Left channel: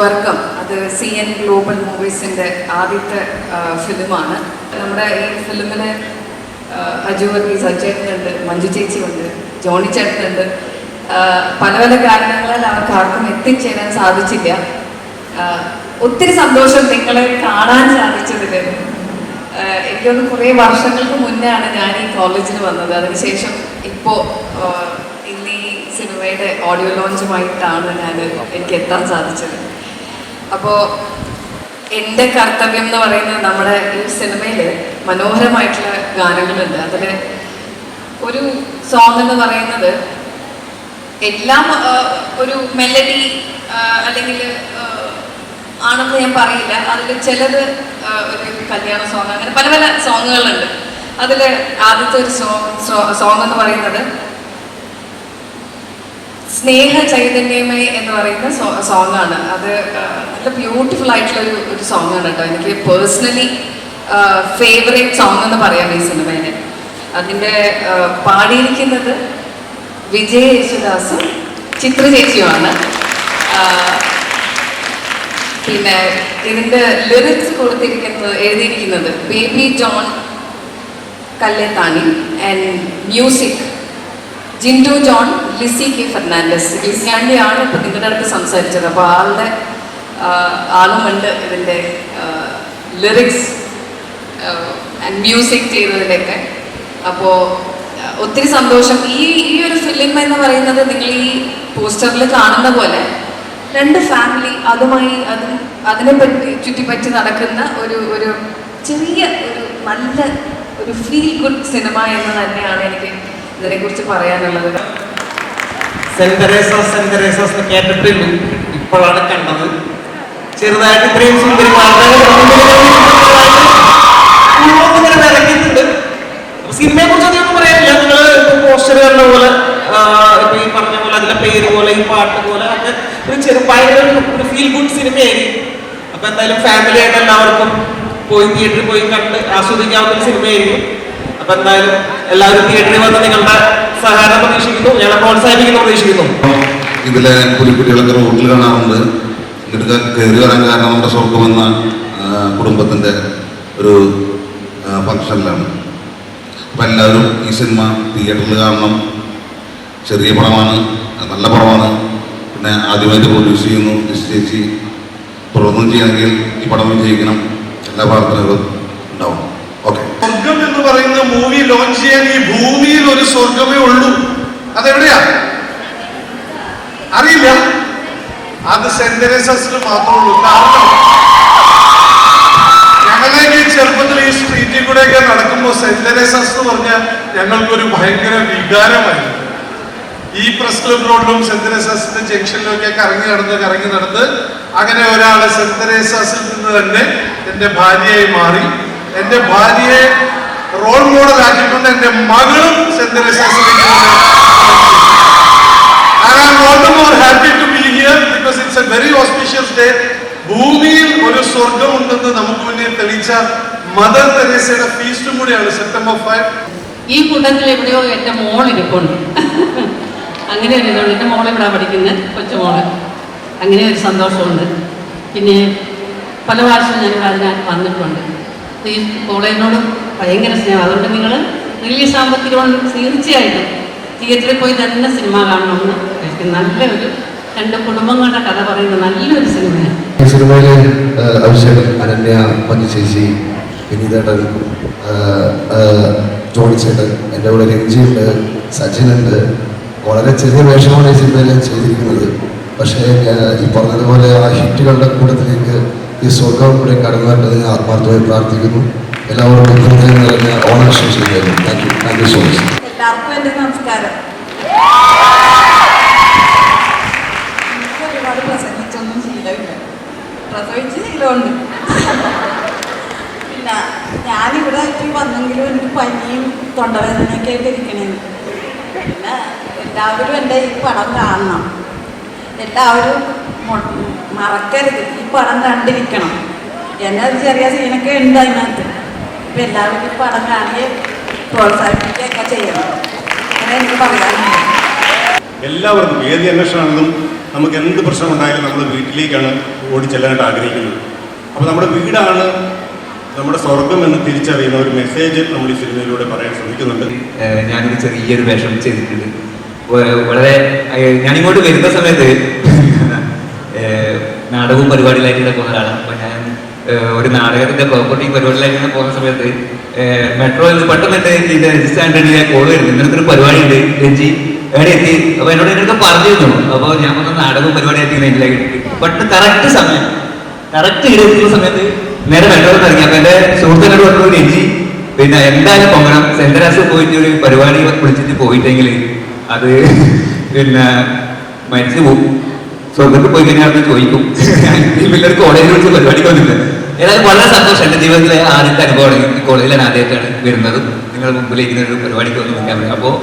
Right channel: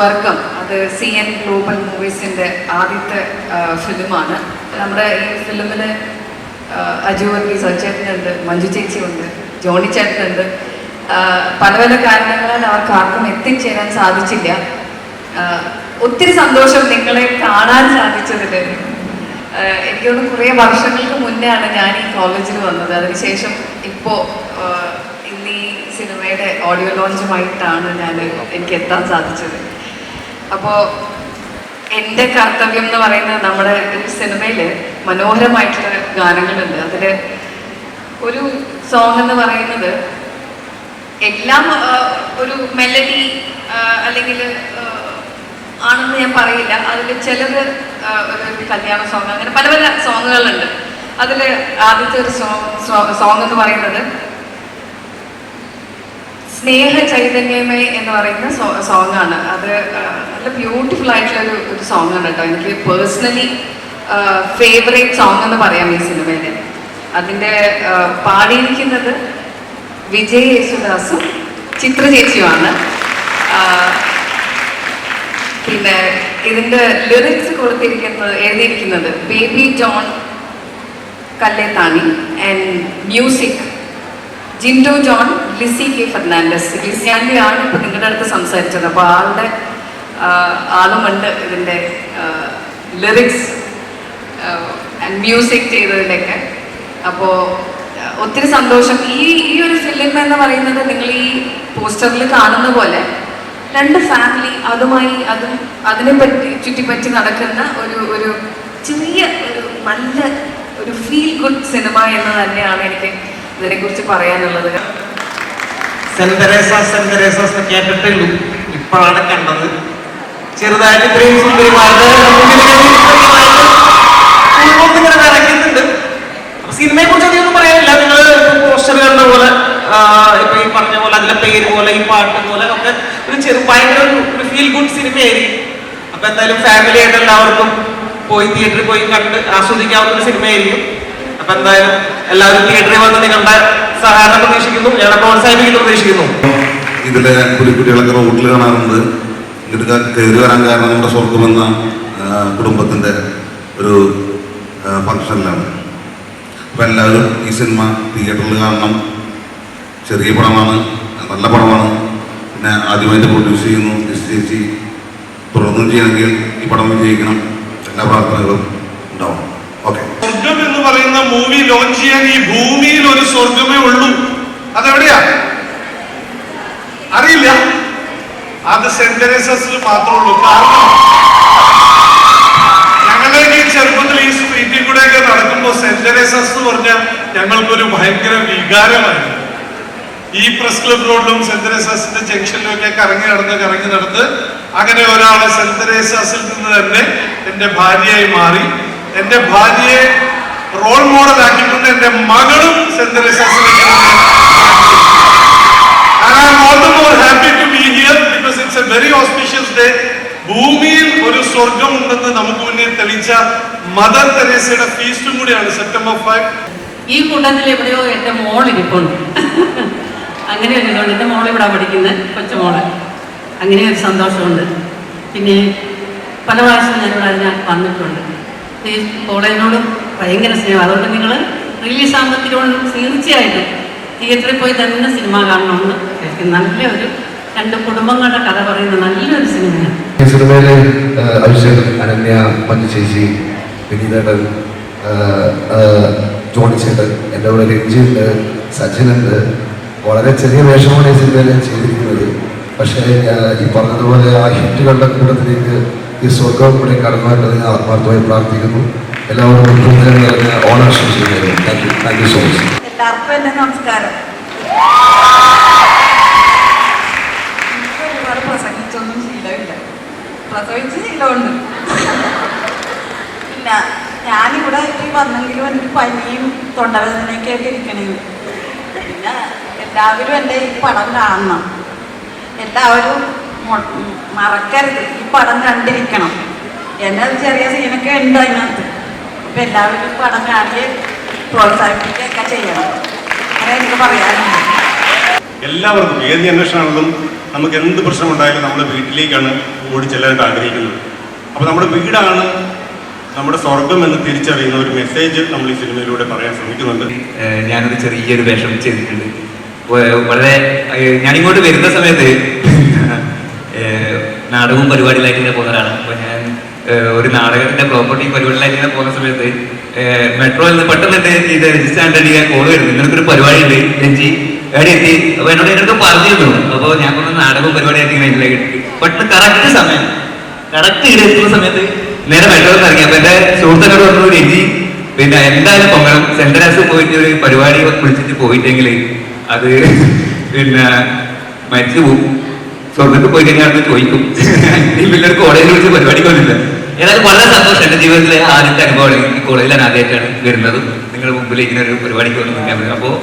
വർഗം അത് CN global മൂവീസിൻ്റെ ആദ്യത്തെ ഫിലിമാണ്. നമ്മുടെ ഈ ഫിലിമിന് അജു വർഗീസ്, സജ്ജനുണ്ട്, മഞ്ജു ചേച്ചിയുണ്ട്, ജോണി ചേട്ടനുണ്ട്. പല പല കാരണങ്ങളാൽ അവർക്ക് ആർക്കും എത്തിച്ചേരാൻ സാധിച്ചില്ല. ഒത്തിരി സന്തോഷം നിങ്ങളെ കാണാൻ സാധിച്ചതിൽ. എനിക്കൊന്ന് കുറേ വർഷങ്ങൾക്ക് മുന്നെയാണ് ഞാൻ ഈ കോളേജിൽ വന്നത്. അതിനുശേഷം ഇപ്പോൾ ഇന്ന് ഈ സിനിമയുടെ ഓഡിയോ ലോഞ്ചുമായിട്ടാണ് എനിക്ക് എത്താൻ സാധിച്ചത്. അപ്പോൾ എൻ്റെ കർത്തവ്യം എന്ന് പറയുന്നത് നമ്മുടെ ഈ സിനിമയിൽ മനോഹരമായിട്ടുള്ള ഗാനങ്ങളുണ്ട്. അതിൽ ഒരു സോങ് എന്ന് പറയുന്നത് എല്ലാം ഒരു മെലഡി അല്ലെങ്കിൽ ആണെന്ന് ഞാൻ പറയില്ല. അതിൽ ചിലത് ഒരു കല്യാണ സോങ്, അങ്ങനെ പല പല സോങ്ങുകളുണ്ട്. അതിൽ ആദ്യത്തെ ഒരു സോങ് എന്ന് പറയുന്നത് സ്നേഹ ചൈതന്യമേ എന്ന് പറയുന്ന സോങ്ങാണ്. അത് നല്ല ബ്യൂട്ടിഫുൾ ആയിട്ടുള്ള ഒരു സോങ്ങാണ് കേട്ടോ. എനിക്ക് പേഴ്സണലി ഫേവറേറ്റ് സോങ് എന്ന് പറയാം ഈ സിനിമയിൽ. അതിൻ്റെ പാടിയിരിക്കുന്നത് വിജയ് യേശുദാസും ചിത്ര ചേച്ചിയുമാണ്. പിന്നെ ഇതിൻ്റെ ലിറിക്സ് എഴുതിയിരിക്കുന്നത് ബേബി ജോൺ കല്ലേത്താണി ആൻഡ് മ്യൂസിക് ജിൻഡോ ജോൺ, ലിസി കെ ഫെർണാണ്ടസ്. ലിസിയാണ്ടിയാണ് ഇപ്പോൾ നിങ്ങളുടെ അടുത്ത് സംസാരിച്ചത്. അപ്പോൾ ആളുമുണ്ട് ഇതിൻ്റെ ലിറിക്സ് ആൻഡ് മ്യൂസിക് ചെയ്തതിലൊക്കെ. അപ്പോൾ ഒത്തിരി സന്തോഷം. ഈ ഒരു ഫിലിം എന്ന് പറയുന്നത് നിങ്ങൾ ഈ പോസ്റ്ററിൽ കാണുന്ന പോലെ രണ്ട് ഫാമിലി അതിനെ ചുറ്റിപ്പറ്റി നടക്കുന്ന ഒരു ചെറിയ നല്ല ഒരു ഫീൽ ഗുഡ് സിനിമ എന്ന് തന്നെയാണ് എനിക്ക് ഇതിനെക്കുറിച്ച് പറയാനുള്ളത്. സെന്റ് തെരേസാസ് കേട്ടിട്ടേ ഉള്ളൂ, ഇപ്പോഴാണ് കണ്ടത്. ചെറുതായിട്ട് ഇത്രയും ഇറങ്ങിയിട്ടുണ്ട്. സിനിമയെ കുറിച്ച് എനിക്കൊന്നും പറയാനില്ല. നിങ്ങൾ പോസ്റ്റർ കണ്ട പോലെ, ഇപ്പൊ ഈ പറഞ്ഞ പോലെ അതിന്റെ പേര് പോലെ ഈ പാട്ട് പോലെ ഒക്കെ ഭയങ്കര ഒരു ഫീൽ ഗുഡ് സിനിമയായിരിക്കും. അപ്പൊ എന്തായാലും ഫാമിലി ആയിട്ട് എല്ലാവർക്കും തിയേറ്ററിൽ പോയി കണ്ട് ആസ്വദിക്കാവുന്ന ഒരു സിനിമയായിരിക്കും. അപ്പൊ എന്തായാലും എല്ലാവരും തിയേറ്ററിൽ വന്ന് നിങ്ങളുടെ സഹായം പ്രതീക്ഷിക്കുന്നു, ഞങ്ങളെ പ്രോത്സാഹിപ്പിക്കുന്നു പ്രതീക്ഷിക്കുന്നു. ഇതിലെ കുട്ടികളൊക്കെ റോഡിൽ കാണാറുണ്ട്. ഇതൊക്കെ കയറി വരാൻ കാരണം നമ്മുടെ സ്വർഗമെന്ന കുടുംബത്തിൻ്റെ ഒരു ഫംഗ്ഷനിലാണ്. അപ്പം എല്ലാവരും ഈ സിനിമ തിയേറ്ററിൽ കാണണം. ചെറിയ പടമാണ്, നല്ല പടമാണ്. പിന്നെ ആദ്യമായിട്ട് പ്രൊഡ്യൂസ് ചെയ്യുന്നു ചേച്ചി. തുടർന്നും ചെയ്യണമെങ്കിൽ ഈ പടം വിജയിക്കണം. എല്ലാ പ്രാർത്ഥനകളും ഉണ്ടാവും. ഓക്കെ. സ്വർഗം എന്ന് പറയുന്ന മൂവി ലോഞ്ച് ചെയ്യാൻ ഈ ഭൂമിയിൽ ഒരു സ്വർഗമേ ഉള്ളൂ. അതെവിടെയാ അറിയില്ല. അത് സെന്റ് തെരേസാസിൽ മാത്രമേ ഉള്ളൂ. കാരണം ഞങ്ങളൊക്കെ ചെറുപ്പത്തിൽ ഈ സ്ട്രീറ്റിൽ കൂടെയൊക്കെ നടക്കുമ്പോൾ സെന്റ് തെരേസാസ് എന്ന് പറഞ്ഞാൽ ഞങ്ങൾക്കൊരു ഭയങ്കര വികാരമായിരുന്നു. ഈ പ്രസ് ക്ലബ് റോഡിലും സെന്റ് തെരേസാസിന്റെ ജംഗ്ഷനിലും ഒക്കെ കറങ്ങി നടന്ന് അങ്ങനെ ഒരാള് സെന്റ് തെരേസാസിൽ നിന്ന് തന്നെ എന്റെ ഭാര്യയായി മാറി. എന്റെ ഭാര്യയെ റോൾ മോഡൽ ആക്കിക്കൊണ്ട് എന്റെ മകളും സെന്റ് തെരേസാസിലേക്ക് ഭൂമിയിൽ ഒരു സ്വർഗമുണ്ടെന്ന് നമുക്ക് മുന്നേ തെളിയിച്ച മദർ തെരേസയുടെ ഫീസ്റ്റും കൂടിയാണ് September 5. ഈ കൂട്ടത്തിൽ എവിടെയോ എൻ്റെ മോൾ ഇരിപ്പുണ്ട്. അങ്ങനെ ഒരു ഇതുണ്ട്. എൻ്റെ മോൾ ഇവിടെ പഠിക്കുന്നത്, കൊച്ചുമോള്. അങ്ങനെ ഒരു സന്തോഷമുണ്ട്. പിന്നെ പല പ്രാവശ്യം ഞങ്ങൾ അതിന് വന്നിട്ടുണ്ട്. ഈ കോളേജിനോട് ഭയങ്കര സ്നേഹം. അതുകൊണ്ട് നിങ്ങൾ റിലീസ് ആകുമ്പോഴത്തേക്കും തീർച്ചയായിട്ടും തിയേറ്ററിൽ പോയി തന്നെ സിനിമ കാണണമെന്ന് നല്ലൊരു രണ്ട് കുടുംബങ്ങളുടെ കഥ പറയുന്ന നല്ലൊരു സിനിമയാണ്. ഈ സിനിമയിലെ അഭിഷേക്, അനന്യ, മഞ്ജു ചേച്ചി, വിനീതേട്ടൻ, ജോണി ചേട്ടൻ, എൻ്റെ കൂടെ രഞ്ജിയുണ്ട്, സച്ചിനുണ്ട്. വളരെ ചെറിയ വേഷമാണ് ഈ സിനിമയിൽ ചെയ്തിരിക്കുന്നത്. പക്ഷേ ഈ പറഞ്ഞതുപോലെ ആ ഹിറ്റുകളുടെ കൂട്ടത്തിലേക്ക് ഈ സ്വർഗം കൂടെ കടന്നു വരുന്നത് ഞാൻ ആത്മാർത്ഥമായി പ്രാർത്ഥിക്കുന്നു. എല്ലാവർക്കും ഓണാശംസ ചെയ്യുന്നു. Thank you so much. എല്ലാവർക്കും എൻ്റെ നമസ്കാരം. ഒരുപാട് പ്രസംഗിച്ചൊന്നും ശീലമില്ല, പ്രസവിച്ച് ശീലമുണ്ട്. ഞാനിവിടെ വന്നെങ്കിലും എനിക്ക് പനിയും തൊണ്ടവേദനയൊക്കെ ആയിട്ട് ഇരിക്കണേന്ന്. പിന്നെ എല്ലാവരും എൻ്റെ ഈ പടം കാണണം. എല്ലാവരും മറക്കരുത്, ഈ പടം കണ്ടിരിക്കണം. എന്നെ ചെറിയ സീനൊക്കെ ഉണ്ട് അതിനകത്ത്. ഇപ്പം എല്ലാവരും ഈ പടം കാണി പ്രോത്സാഹിപ്പിക്കുകയൊക്കെ ചെയ്യണം. അങ്ങനെ എനിക്ക് പറയാനുണ്ട്. എല്ലാവർക്കും ഏത് അന്വേഷണമാണെങ്കിലും നമുക്ക് എന്ത് പ്രശ്നം ഉണ്ടായാലും നമ്മുടെ വീട്ടിലേക്കാണ് ഓടി ചെല്ലാനായിട്ട് ആഗ്രഹിക്കുന്നത്. അപ്പോൾ നമ്മുടെ വീടാണ് നമ്മുടെ സ്വർഗം എന്ന് തിരിച്ചറിയുന്ന ഒരു മെസ്സേജ് നമ്മൾ ഈ സിനിമയിലൂടെ പറയാൻ ശ്രമിക്കുന്നുണ്ട്. ഞാനൊരു ചെറിയൊരു വേഷം ചെയ്തിട്ടുണ്ട്. വളരെ ഞാനിങ്ങോട്ട് വരുന്ന സമയത്ത് നാടകവും പരിപാടിയിലായിട്ട് പോകുന്ന ഒരാളാണ്. അപ്പോൾ ഞാൻ ഒരു നാടകത്തിന്റെ പ്രോപ്പർട്ടി പരിപാടിയിലായിട്ട് പോകുന്ന സമയത്ത് മെട്രോയിൽ നിന്ന് പെട്ടെന്ന് ഇത് രജിസ്റ്റർ ആന്റണിയെ കോൾ വരുന്നു, നിങ്ങൾക്കൊരു പരിപാടി ഉണ്ട് രഞ്ജി എവിടെ എത്തി. അപ്പോൾ എന്നോട് എന്നൊക്കെ പറഞ്ഞിരുന്നു. അപ്പോൾ ഞാൻ പറഞ്ഞ നാടകവും പരിപാടിയായിട്ട് ഇങ്ങനെ പെട്ടെന്ന് കറക്റ്റ് സമയം കറക്റ്റ് ഇവിടെ എത്തുന്ന സമയത്ത് നേരെ മെട്രോയിൽ ഇറങ്ങി. അപ്പോൾ എൻ്റെ സുഹൃത്തുക്കളോട് പറഞ്ഞു, രഞ്ജി പിന്നെ എന്തായാലും പൊങ്ങണം, സെന്ററാസ് പോയിട്ട് ഒരു പരിപാടി വിളിച്ചിട്ട് പോയിട്ടെങ്കിൽ അത് പിന്നെ മരിച്ചു പോകും, സ്വർഗത്തിൽ പോയി കഴിഞ്ഞാൽ ചോദിക്കും ഈ പിള്ളേർ കോളേജിൽ വിളിച്ച് പരിപാടിക്ക് വന്നില്ല. ഏതായാലും വളരെ സന്തോഷം. എൻ്റെ ജീവിതത്തിലെ ആദ്യത്തെ അനുഭവമാണ്. ഈ കോളേജിലാണ് ആദ്യമായിട്ടാണ് വരുന്നതും നിങ്ങളുടെ മുമ്പിലേക്ക് ഒരു പരിപാടിക്ക് വന്നിരിക്കാൻ. അപ്പോൾ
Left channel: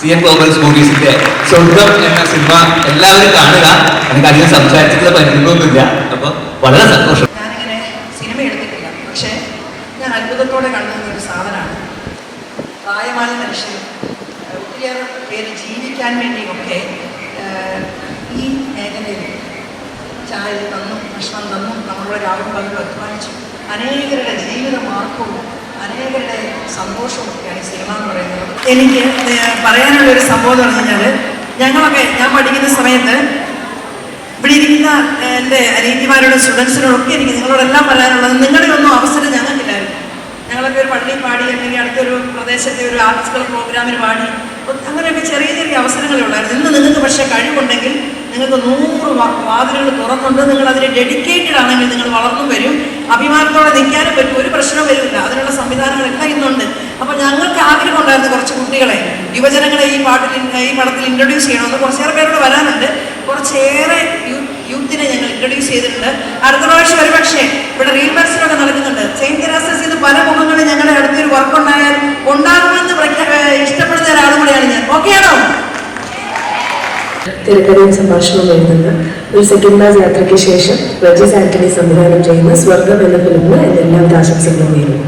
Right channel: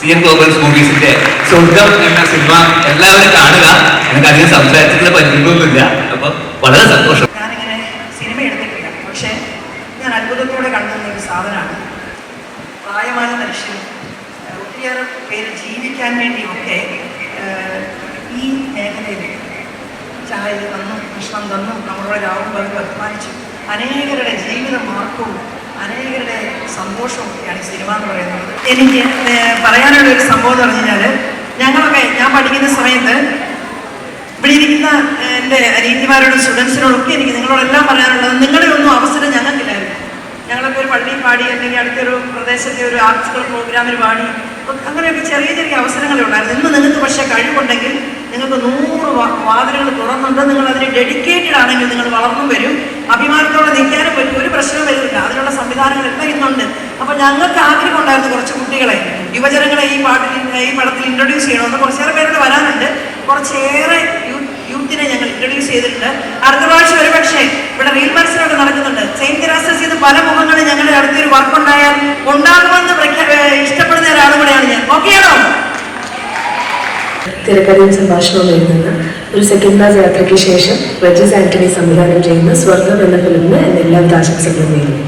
CN ഗ്ലോബൽസ് മൂവീസിന്റെ സ്വർഗം എന്ന സിനിമ എല്ലാവരും കാണുക. എനിക്ക് അധികം സംസാരിച്ചിട്ടുള്ള പരിചയമൊന്നുമില്ല. അപ്പോൾ വളരെ സന്തോഷം. ഞാനിങ്ങനെ സിനിമ എടുത്തിട്ടില്ല, പക്ഷേ ഞാൻ അത്ഭുതത്തോടെ കണ്ടുന്ന ഒരു സാധനമാണ് പ്രായമായ മനുഷ്യർ ഒത്തിരിയേറെ പേര് ജീവിക്കാൻ വേണ്ടിയൊക്കെ ഈ മേഖലയിൽ ചായ തന്നും ഭക്ഷണം തന്നും നമ്മളോട് രാവും പകലും അധ്വാനിച്ചു അനേകരുടെ ജീവിത മാർഗവും അനേകരുടെ സന്തോഷവും ഒക്കെയാണ് സിനിമ എന്ന് പറയുന്നത്. എനിക്ക് പറയാനുള്ള ഒരു സംഭവം എന്ന് പറഞ്ഞാൽ ഞാൻ പഠിക്കുന്ന സമയത്ത് ഇവിടെ ഇരിക്കുന്ന എൻ്റെ അനിയത്തിമാരോടും സ്റ്റുഡൻസിനോടൊക്കെ എനിക്ക് നിങ്ങളോടെല്ലാം പറയാനുള്ളത്, നിങ്ങളുടെ ഒന്നും അവസരം ഞങ്ങൾക്കില്ലായിരുന്നു. ഞങ്ങളൊക്കെ ഒരു പള്ളിയിൽ പാടി, അല്ലെങ്കിൽ അടുത്തൊരു പ്രദേശത്തെ ഒരു ആർട്സ് ക്ലബ് പ്രോഗ്രാമിൽ പാടി, അങ്ങനെയൊക്കെ ചെറിയ ചെറിയ അവസരങ്ങളേ ഉണ്ടായിരുന്നു. ഇന്ന് നിങ്ങൾക്ക് പക്ഷേ കഴിവുണ്ടെങ്കിൽ നിങ്ങൾക്ക് 100 വാതിലുകൾ തുറന്നുണ്ട്. നിങ്ങൾ അതിന് ഡെഡിക്കേറ്റഡ് ആണെങ്കിൽ നിങ്ങൾ വളർന്നു വരും, അഭിമാനത്തോടെ നിൽക്കാനും പറ്റും, ഒരു പ്രശ്നം വരില്ല. അതിനുള്ള സംവിധാനങ്ങളൊക്കെ ഇന്നുണ്ട്. അപ്പോൾ ഞങ്ങൾക്ക് ആഗ്രഹം ഉണ്ടായിരുന്നു കുറച്ച് കുട്ടികളെ, യുവജനങ്ങളെ ഈ പടത്തിൽ ഇൻട്രൊഡ്യൂസ് ചെയ്യണമെന്ന്. കുറച്ചേറെ പേർക്ക് വരാനുണ്ട്. കുറച്ചേറെ യൂത്തിനെ ഞങ്ങൾ ഇൻട്രൊഡ്യൂസ് ചെയ്തിട്ടുണ്ട്. അടുത്ത പ്രാവശ്യം ഒരു പക്ഷേ ഇവിടെ റീൽ മത്സരമൊക്കെ നടക്കുന്നുണ്ട്. സെയിന്റ് തെരേസസ് ഇത് പല മുഖങ്ങളിൽ ഞങ്ങളുടെ അടുത്തൊരു വർക്ക് ഉണ്ടായാൽ ഉണ്ടാകുമെന്ന് ഇഷ്ടപ്പെടുന്ന ഒരാളും കൂടെയാണ് ഞാൻ. ഓക്കെയാണോ? തിരക്കഥയും സംഭാഷണവും എഴുതുന്ന ഒരു സെക്കൻഡ് ക്ലാസ് യാത്രയ്ക്ക് ശേഷം റജീസ് ആന്റണി സംവിധാനം ചെയ്യുന്ന സ്വർഗം എന്ന ഫിലിമിന് എല്ലാവിധ ആശംസകളും നേരുന്നു.